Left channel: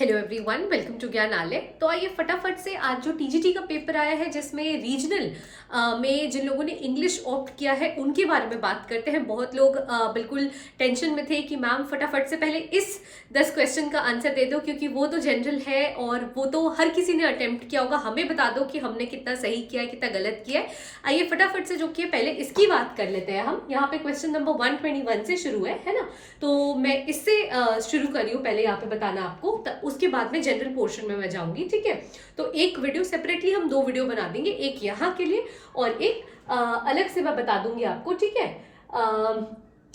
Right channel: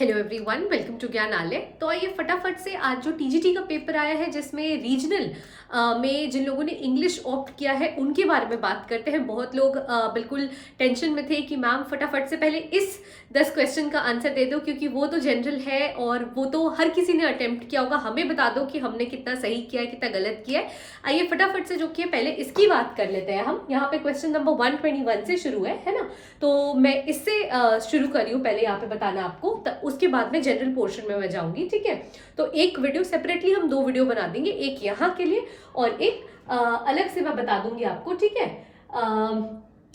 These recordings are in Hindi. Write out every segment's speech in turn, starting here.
Hello everyone, welcome to Gyanalaya. तो आइए फटाफट से आज जो टीजीटी का पेपर आया है जिसमें रीजनल में जिन लोगों ने इंग्लिश ऑप्ट किया है उनके बारे में बात करते हैं। बहुत लोग बिल्कुल टेंशन में थे कि मैम फटाफट से पहले इस 10 क्वेश्चन का आंसर दे दो क्योंकि वो तो जनरल है और वो तो हर किसी ने अटेम्प्ट किया होगा, हमें बता दो कि हमने कितना सही किया है कितना गलत किया है। आइए फटाफट से जो किया पहले इसकी बात कर लेते हैं हम। यहाँ पे क्वेश्चन नंबर 121 से शुरू है ना। तो मैं इससे शुरू कर रही हूँ, पहले यहाँ पे बताना आपको, उसके बाद में जनरल पोर्शन में मैं जाऊंगी। ठीक है, तो एक वीडियो सेपरेटली हम 2 वीडियो बना देंगे, एक यहाँ के लिए और एक अलग से मैं बता दूंगी आपको। ठीक है,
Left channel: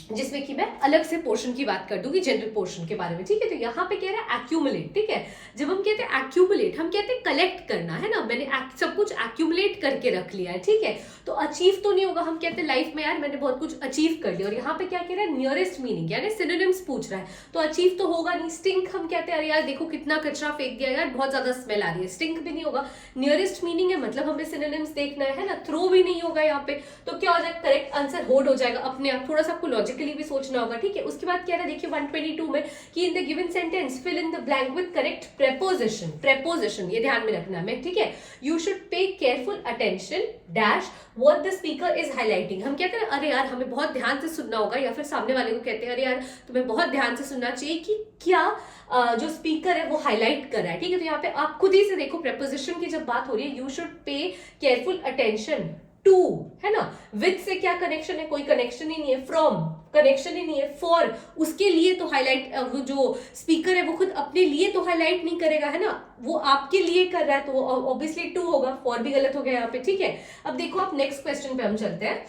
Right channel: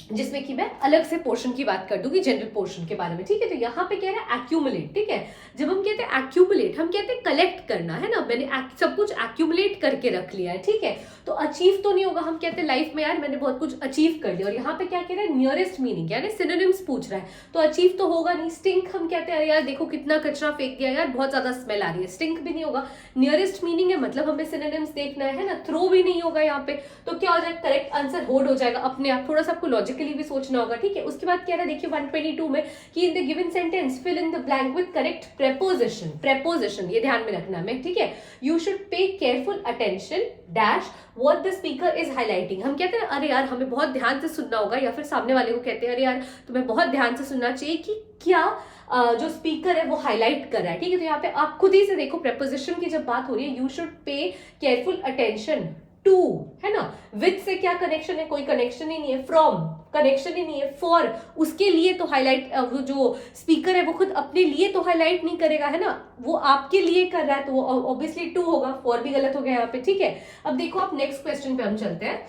जिसमें कि मैं अलग से पोर्शन की बात कर दूंगी जनरल पोर्शन के बारे में। ठीक है, तो यहाँ पे कह रहा है एक्यूमुलेट। ठीक है, जब हम कहते हैं एक्यूमुलेट हम कहते हैं कलेक्ट करना, है ना। मैंने सब कुछ एक्यूमुलेट करके रख लिया है। ठीक है, तो अचीव तो नहीं होगा। हम कहते हैं लाइफ में यार मैंने बहुत कुछ अचीव कर लिया, और यहाँ पे क्या कह रहा है नियरेस्ट मीनिंग, यानी सिनोनिम्स पूछ रहा है, तो अचीव तो होगा नहीं। स्टिंक हम कहते हैं अरे यार देखो कितना कचरा फेंक दिया यार, बहुत ज्यादा स्मेल आ रही है, स्टिंक भी नहीं होगा। नियरेस्ट मीनिंग है मतलब हमें सिनोनिम्स देखना है ना। थ्रो भी नहीं होगा यहाँ पे, तो क्या हो जाएगा, करेक्ट आंसर होल्ड हो जाएगा अपने आप। थोड़ा सा आपको लॉजिकली भी सोचना होगा। ठीक है, उसके बाद क्या है देखिए 122 में कि in the given sentence fill in the blank with correct preposition. Preposition ये ध्यान में रखना है। ठीक है, you should pay careful attention dash what the speaker is highlighting. हम कहते हैं अरे यार हमें बहुत ध्यान से सुनना होगा, या फिर सामने वाले को कहते हैं अरे यार तुम्हें बहुत ध्यान से सुनना चाहिए कि क्या जो स्पीकर है वो हाईलाइट कर रहा है। ठीक है, तो यहाँ पे आप खुद ही से देखो प्रेपोजिशन की जब बात हो रही है, you should pay careful attention to, है ना। विथ से क्या कनेक्शन है, कोई कनेक्शन ही नहीं है। फ्रॉम कनेक्शन ही नहीं है। फॉर उसके लिए तो हाईलाइट, वो जो स्पीकर है वो खुद अपने लिए तो हाईलाइट नहीं करेगा, है ना, वो आपके लिए कर रहा है, तो ऑब्वियसली टू होगा। फॉर भी गलत हो गया यहाँ पे। ठीक है, अब देखो आप नेक्स्ट क्वेश्चन पे हम चलते हैं।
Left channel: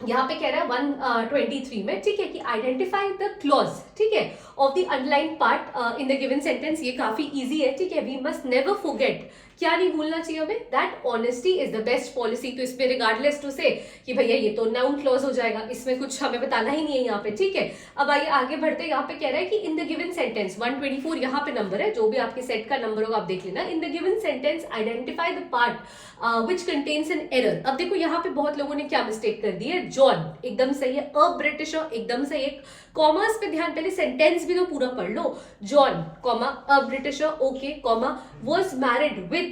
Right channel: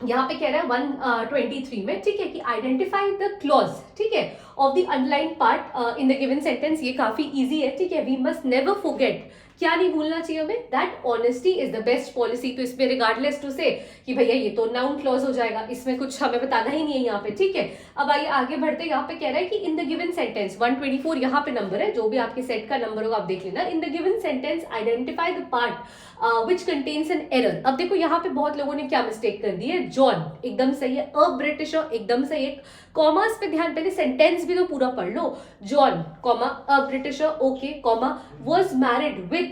यहाँ पे कह रहा है 123 में, ठीक है, कि आइडेंटिफाई द क्लॉज, ठीक है, of the underline part in the given sentence. ये काफी इजी है। ठीक है, वी मस्ट नेवर फॉरगेट, क्या नहीं भूलना चाहिए हमें, that honesty is the best policy. तो इसमें रिगार्डलेस टू से कि भैया ये तो नाउन क्लॉज हो जाएगा, इसमें कुछ हमें बताना ही नहीं है यहाँ पे। ठीक है, अब आइए आगे बढ़ते। यहाँ पे कह रहा है कि इन द गिवन सेंटेंस 124 यहाँ पे नंबर है, जो भी आपके सेट का नंबर होगा आप देख लेना। इन the given sentence identify the part which contains an error. अब देखो यहाँ पे बहुत लोगों ने क्या मिस्टेक कर दी है। जॉन एकदम सही है, अ ब्रिटिशर एकदम सही है। कॉमर्स पे ध्यान, पहले सेंटेंस भी तो पूरा पढ़ लो। John comma a Britisher, okay, comma was married with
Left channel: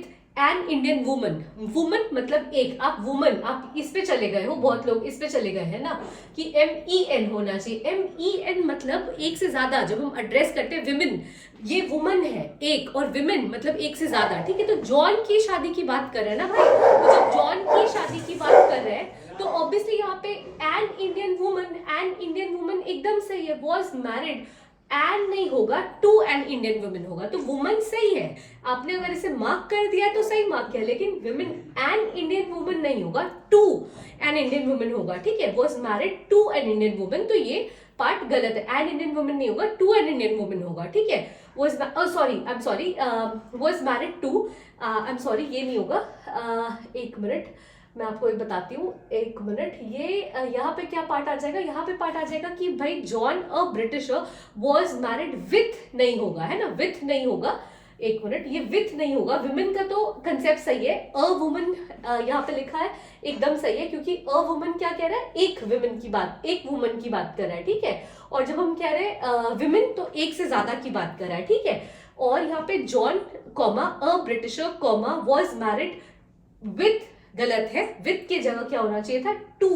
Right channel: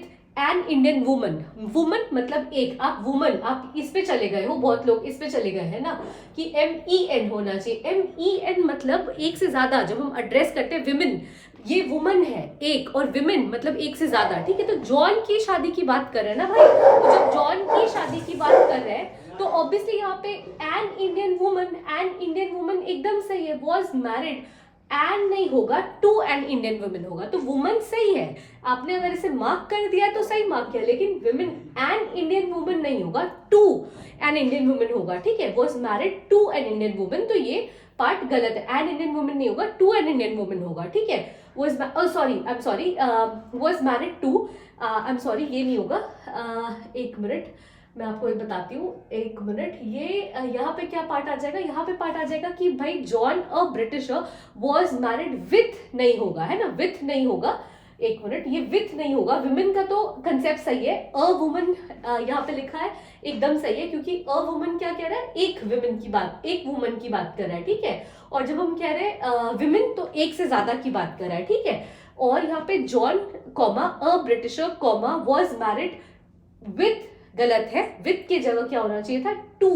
an Indian woman. Woman मतलब एक, आप वुमन आप इस पे चले गए हो, बहुत लोग इस पे चले गए हैं ना कि MEN होना चाहिए। MEN मतलब एक से ज्यादा। जब हम एड्रेस करते हैं विमेन, ये वुमन है एक, और विमेन मतलब एक से ज्यादा। ठीक है, तो जॉन की शादी की बात कर रहे हैं ना भाई, तो जब जॉन की शादी की बात कर रहे हैं तो ऑब्वियसली यहाँ पे एन इंडियन वुमन एकदम सही है। वॉज मैरिड, एन नहीं होगा, टू एन इंडियन वुमेन होगा, तो वुमन सही है। आपने अगर इसे मार्क कर दिया तो सही मार्क किया, लेकिन वुमेन एन इंडियन वुमेन नहीं होगा, टू एन इंडियन वुमेन होगा। ठीक है, was married to an Indian women, तो ये पार्ट गलत है। एन इंडियन वुमेन नहीं होगा, टू एन इंडियन वुमेन होगा। ठीक है, was was married to, I am sorry ये नहीं होगा। एक मिनट मैं आपको एक बताती हूँ, एक मिनट। ये यहाँ पे क्या पार्ट आ जाएगा, यहाँ पे पार्ट आ जाएगा कि भाई John a britisher was married with नहीं होगा, है ना, विथ नहीं होगा। एक मिनट, ये विथ नहीं होगा। विमेन का तो कंसेप्ट सही है, अ वुमन यहाँ पे लिखा है एकदम सही है, क्योंकि अ वुमन क्या कह रहा है, एक विमेन की बात, एक वुमन की बात कर रहा है। ठीक है, और जब हम कह रहे हैं विमेन तो एक से ज्यादा की बात कर रहा है। ठीक है, और यहाँ पे John comma a britisher comma was married with गलत है, विथ की जगह क्या होना चाहिए था, टू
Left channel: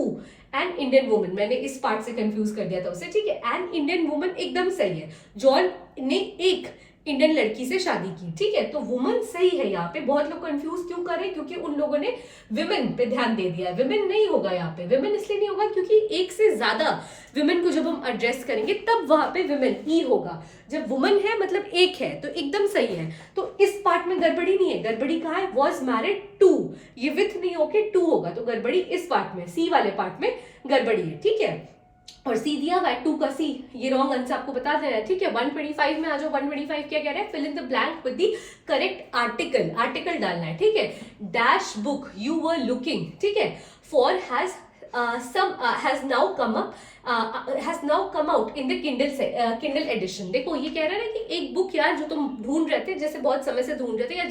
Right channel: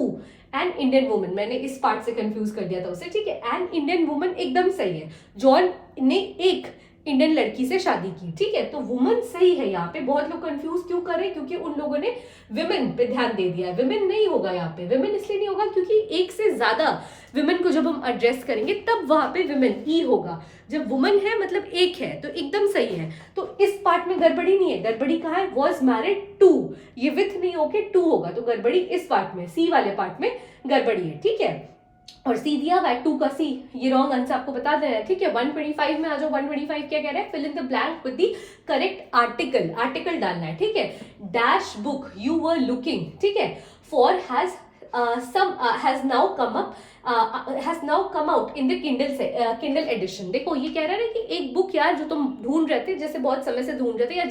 एन इंडियन वुमन। मैंने इस पार्ट से कंफ्यूज कर दिया था उसे। ठीक है, एन इंडियन वुमन एकदम सही है। जॉन ने एक इंडियन लड़की से शादी की। ठीक है, तो वुमन सही है। यहाँ पे बहुत लोग कंफ्यूज क्यों कर रहे हैं, क्योंकि उन लोगों ने विमेन पे ध्यान दे दिया। विमेन नहीं होगा यहाँ पे, विमेन इसलिए नहीं होगा क्योंकि एक से ज्यादा विमेन को जब हम एड्रेस करेंगे तब वहां पे विमेन ही होगा। जब वुमन है मतलब एक है, तो एकदम सही है। तो इस पार्ट में गड़बड़ी नहीं है। गड़बड़ी कहाँ है, वॉज मैरिड टू, ये विथ नहीं होके टू होगा, तो गड़बड़ी इस पार्ट में, सी वाले पार्ट में गड़बड़ी है। ठीक है, और सी दिया हुआ है 2 का सी, ये रॉन्ग आंसर आपको बता देना है। ठीक है, 125 में आ जाओ। 125 क्या कह रहा है, fill in the blank with the correct article. Article डालना है। ठीक है, dash book you were looking, ठीक है, for has now come up has now come out in the Kindle edition. देखो ये कह रहा है ना कि एक बुक यार जो तुम ढूंढ रहे थे, जैसे बहुत समय से ढूंढ रहे थे, या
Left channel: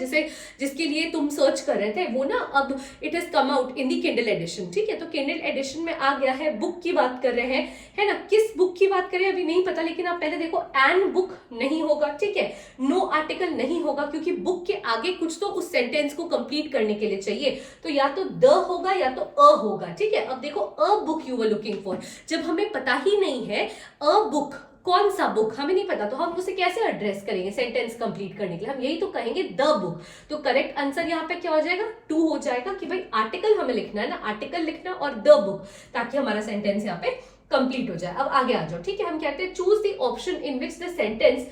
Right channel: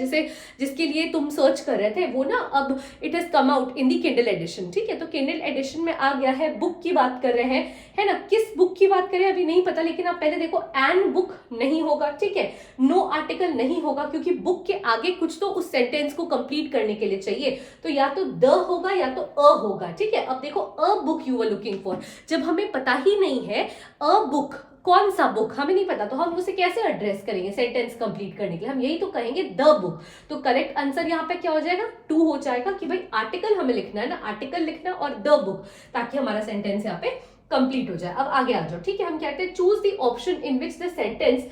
जिसके लिए तुम सर्च कर रहे थे, वो ना अब it has come out in the Kindle edition. ठीक है, तो किंडल एडिशन में आ गया है। बुक की बात कर रहे हैं, है ना, किस बुक की बात करें अभी नहीं पता, लेकिन आप पहले देखो एन बुक नहीं होगा, ठीक है, नो आर्टिकल नहीं होगा, क्योंकि बुक के आगे कुछ तो उस सेंटेंस को कंप्लीट करने के लिए चाहिए, तो या तो द होगा या तो अ होगा। ठीक है, अब देखो a book you were looking for, जब हमें पता ही नहीं है अ बुक कौन सा बुक हमें नहीं पता, तो हम उसे कैसे एड्रेस करेंगे सेंटेंस कंप्लीट करने के लिए, हम यही तो कहेंगे द बुक। तो करेक्ट आंसर यहाँ पे क्या हो जाएगा, 2 हो जाएगा, कि भाई आर्टिकल हमें लिखना है ना, आर्टिकल लिखना और द बुक, ताकि हमारा सेंटेंस यहाँ पे कंप्लीट हो जाए। अब आगे आ जाओ। ठीक है, हम कहते हैं choose the option in which the sentence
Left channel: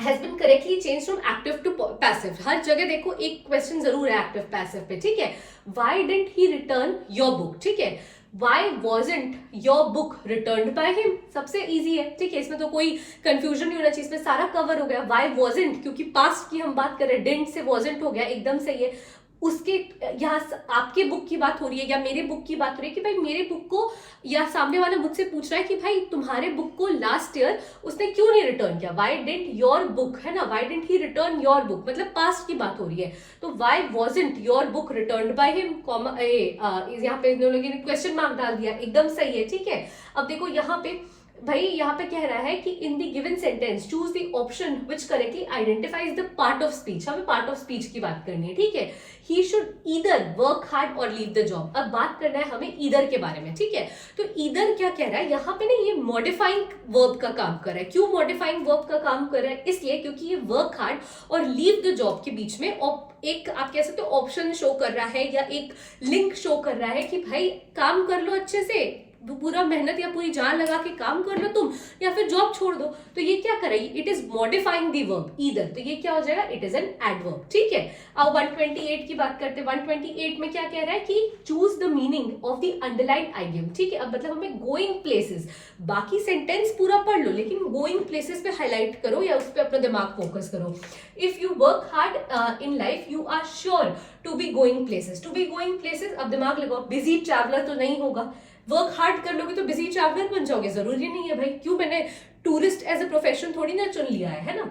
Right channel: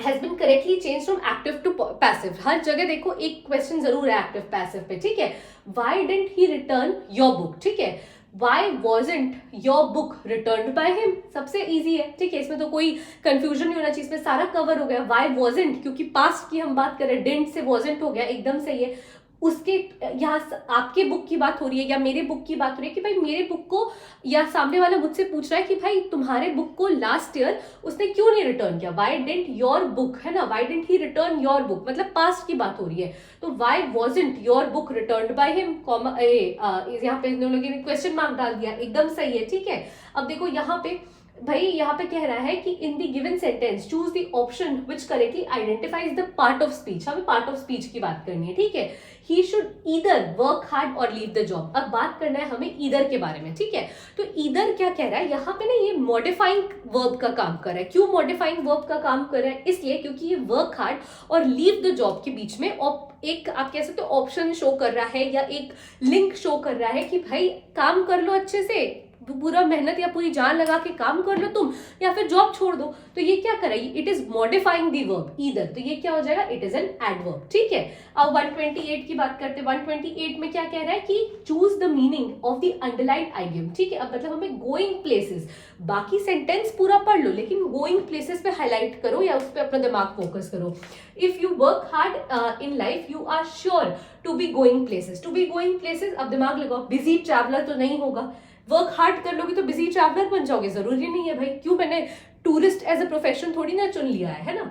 has been correctly change from active to passive. हर जगह देखो एक क्वेश्चन जरूर है एक्टिव पैसिव पे। ठीक है, why didn't he return your book, ठीक है, why wasn't your book returned by him, सबसे इजी है। ठीक है, इसमें तो कोई कंफ्यूजन नहीं होना चाहिए, इसमें सारा कवर हो गया। व्हाई वॉजंट, क्योंकि पास्ट की हम बात करें, डिडंट से वॉजंट हो गया, एकदम सही है। उसके यहाँ आपके बुक की बात हो रही है या मेरे बुक की बात हो रही है, कि भाई मेरे बुक को, या सामने वाला मुझसे पूछ रहा है कि भाई तुम्हारे बुक को लास्ट ईयर उसने क्यों नहीं रिटर्न किया, व्हाई डिडंट योर बुक, है ना, why didn't he return your book, मतलब पास्ट की बात हो रही है, तो why wasn't your book returned by him, comma यहाँ पे इन लोगों ने क्वेश्चन मार्क डाल दिया, एकदम सही है। ठीक है, अब देखो यहाँ पे भाई यहाँ पे कह रहा है कि in the given sentence choose the option which correctly identifies the part of speech. हमें पार्ट ऑफ स्पीच की बात करनी है। ठीक है, he should either work hard और लीव द जॉब। अब बात करना है हमें ईदर के बारे में। ठीक है, तो ईदर क्या कह रहा है यहाँ पे ना, ये मॉडिफाइंग वर्ब का काम कर रहा है। क्यों मॉडिफाइंग वर्ब का काम कर रहा है, इसलिए क्योंकि ये वर्क हार्ड और लीव द जॉब के बीच में एक आप कह सकते हो ऑप्शन शो कर रहा है, या एक लिंक शो कर रहा है कि भाई काम कर लो अच्छे से, पूरा मेहनत या पूरी जान लगा के काम कर लो तुम, या फिर जॉब छोड़ दो। तो ये क्या कर रही है, it is modifying the verb either, तो ये क्या हो जाएगा, इट इज एन एडवर्ब। ठीक है, अब 128 की बात करते हैं। 128 में क्या कह रहा है कि choose the meaning of the underline idiom. ठीक है, अब मतलब हमें गोइंग प्लेसेस, बाकी सेंटेंस पूरा पढ़ लो लेकिन गोइंग प्लेसेस पे हाईलाइट करो या उस पर अपना दिमाग फोकस करो। If you work hard in life you are sure to be going places. To be going places, अब दिमाग लगाओ, बिजी ट्रैवलर तो नहीं होगा, वर्क हार्ड कर लोगे तो बिजी ट्रैवलर बन जाओगे, जरूरी नहीं है भाई। क्यों, मैंने टूरिस्ट एज अ प्रोफेशन थोड़ी ना चुन लिया है ना।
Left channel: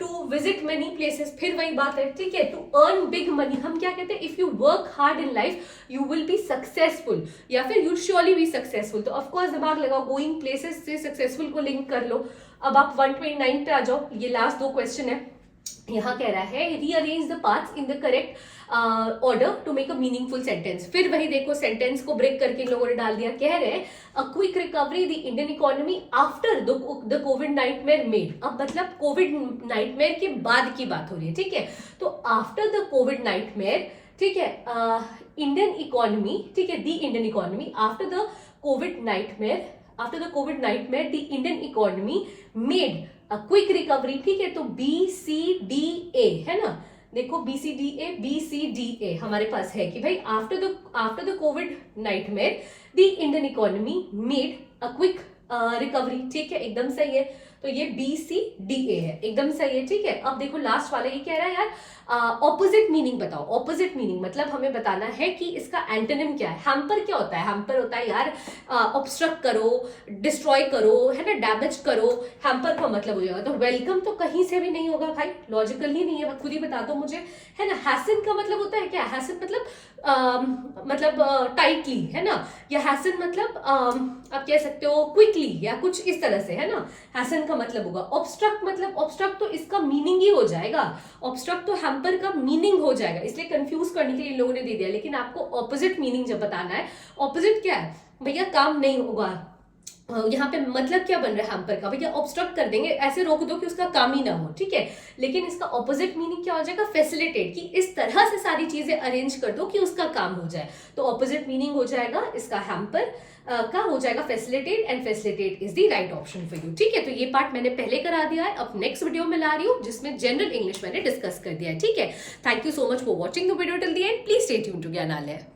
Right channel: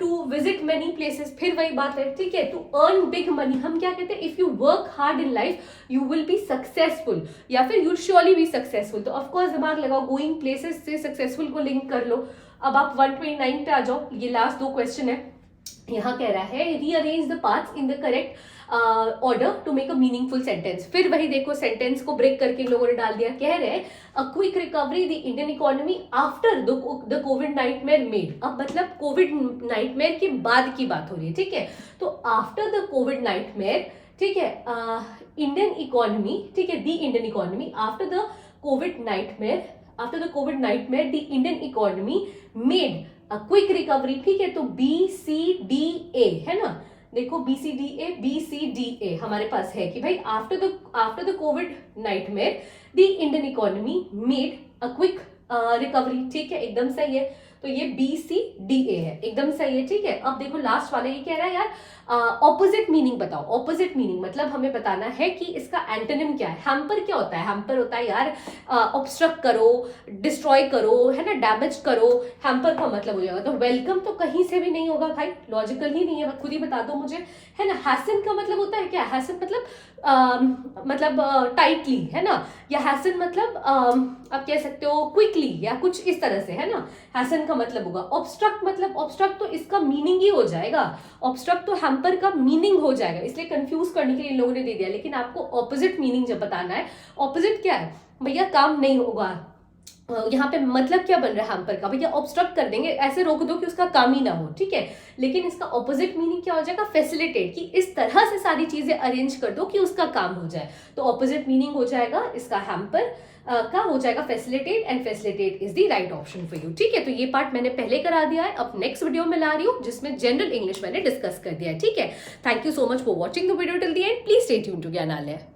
टू विजिट मेनी प्लेसेस, फिर वही बात है। ठीक है, टू अर्न बिग मनी, हम क्या कहते हैं, if you work hard in life you will be successful, या फिर यू श्योरली बी सक्सेसफुल। तो ऑफकोर्स दिमाग लगाओ, गोइंग प्लेसेस से सक्सेसफुल को लिंक कर लो। अब आप 129 पे आ जाओ, ये लास्ट 2 क्वेश्चन है। यहाँ कह रहा है rearrange the parts in the correct order to make a meaningful sentence. फिर वही देखो सेंटेंस को ब्रेक करके इन लोगों ने डाल दिया। कह रहे हैं a quick recovery the Indian economy after the Covid nightmare made. अब मतलब कोविड नाइटमेयर के बाद की बात हो रही है। ठीक है, तो आफ्टर द कोविड नाइटमेयर, ठीक है, इंडियन इकोनॉमी, ठीक है, the Indian economy after the Covid nightmare, after the Covid nightmare the Indian economy made a quick recovery. ठीक है, तो BCDA है ना, देखो BCDA हमारे पास है कि भाई after the Covid nightmare the Indian economy made a quick recovery. ठीक है, एकदम सही है, तो ये BCDA है, एकदम सही है। ठीक है, अब देखो लास्ट वाले ये कह रहा है यार ऑपोजिट मीनिंग बताओ। ऑपोजिट मीनिंग मतलब हमें बताना है कि इसका एंटोनिम क्या है। हैम्पर क्या होता है, हैम्पर होता है यार ऑब्स्ट्रक्ट करो, डिस्ट्रॉय करो, है ना, डैमेज करो, हैम्पर का मतलब हो जाएगा। तो वेलकम तो कहीं से भी नहीं होगा भाई, लॉजिकल ही नहीं है, खुद ही बता दो मुझे, है ना। हैसन का मतलब होता है क्या, हैसन मतलब टाइटली, है ना, या हैसन मतलब आप कह सकते हो क्विकली या कुछ इस तरह से, है ना, हैसन का मतलब होगा। ऑब्स्ट्रक्ट मतलब, ऑब्स्ट्रक्ट तो इसका मीनिंग ही हो जाएगा, ऑब्स्ट्रक्ट तो हैम्पर का मीनिंग हो जाएगा, इसलिए कंफ्यूज करने के लिए लोगों ने दे दिया। लेकिन आपको ऑपोजिट मीनिंग जब बताना है, ऑपोजिट क्या है भैया, काम नहीं होगा, यहाँ पे मतलब क्या बन रहा है हैम्पर का, भैया ऑब्स्ट्रक्ट कर देंगे, ऐसे रोक दो कि उसका काम ही ना हो। ठीक है, लेकिन इसका ऑपोजिट मीनिंग क्या हो जाएगा, फैसिलिटेट, कि इस तरह से सारी चीजें अरेंज कर दो कि उसका काम हो जाए। तो ऑपोजिट मीनिंग हो जाएगा इसका हैम्पर का हो जाएगा facilitate, and facilitate is the right option for you. ठीक है, तो ये पार्ट मैंने पहले करा दिया है, अब नेक्स्ट वीडियो में ला रही हूँ जिसमें जनरल इंग्लिश मैंने डिस्कस कर दिया है। ठीक है, thank you so much for watching the video till the end, please stay tuned to ज्ञानालय।